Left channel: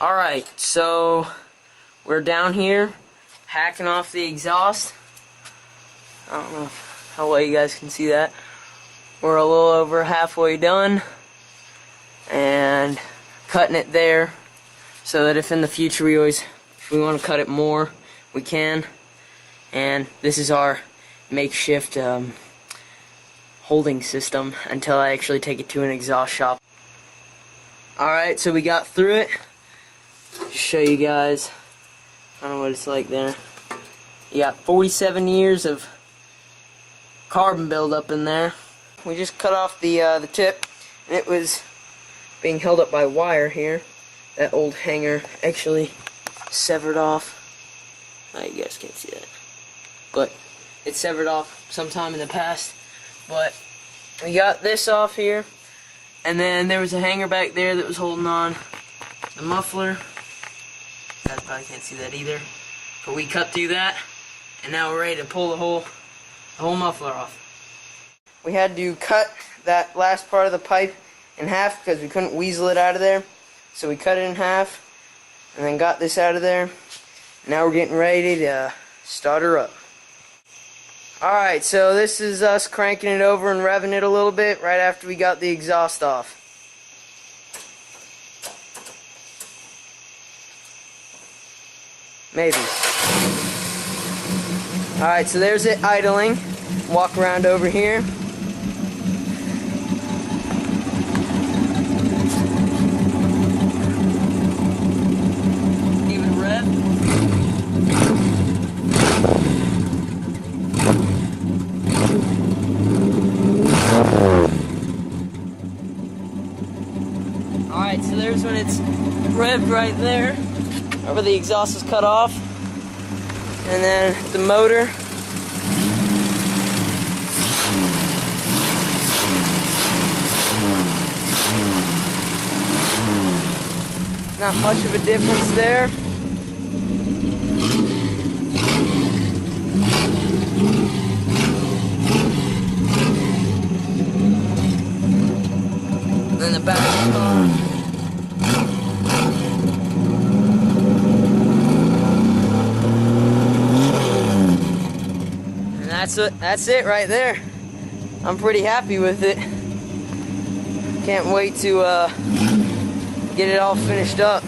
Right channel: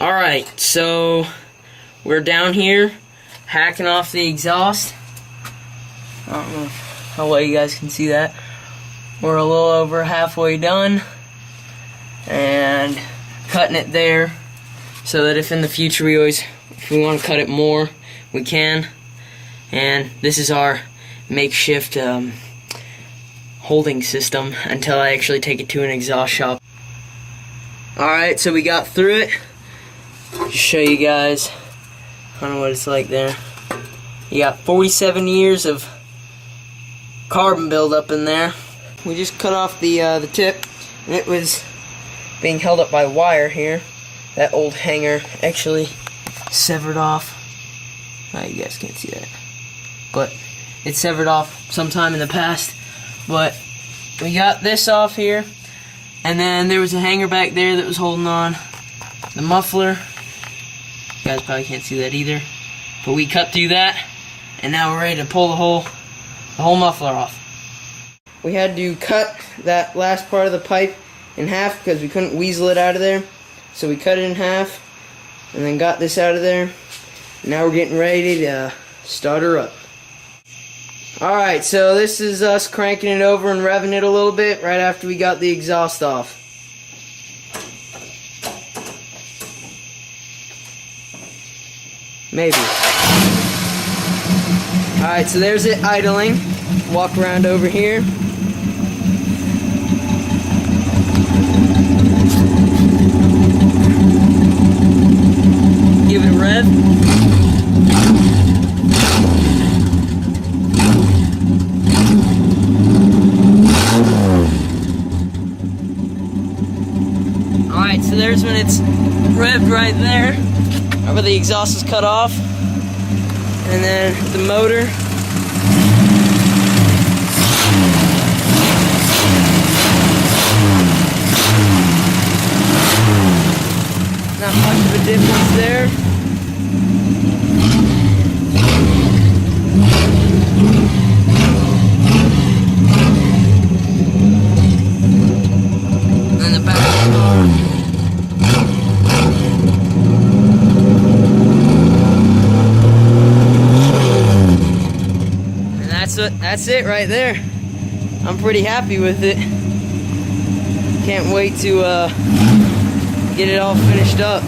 Alright, so we're down here hacking off the exhaust. I don't know how well you guys can see that. We're a little over halfway done and cutting it there so that if in the future if we want to cut it more, we can. And this is our makeshift holding system until I actually take it to an exhaust shop. Alright, so we got through it. Just show you guys kind of what it's like there. You got 47 years of carbon buildup in there. We just cut off the tip, and it was being held up by wire here. That old hanger actually severed off. Oh, you guys can't see that, but it severed off sometime in the past. But we got this off here, and then there was a hanger back there that was holding on the muffler. You guys probably can't see that either, but we cut through that, and now we're ready to pull the whole muffler off. We had to cut that last part of the pipe in half because we couldn't weasel it out of there. So we cut it in half and then got this out of there. Now we're getting ready to start her up. Alright, so this is us cranking it over and revving it a little bit right after we got the exhaust off. Maybe. Alright, so there's it idling. Walk around over here. Give it a rev. Alright, so there's when it's revved right there, where the exhaust is cut off. And then the motor. Now punch the diggers there. And then the back. That's it right there. I'm pretty happy with it. Can't wait to get it all finished up.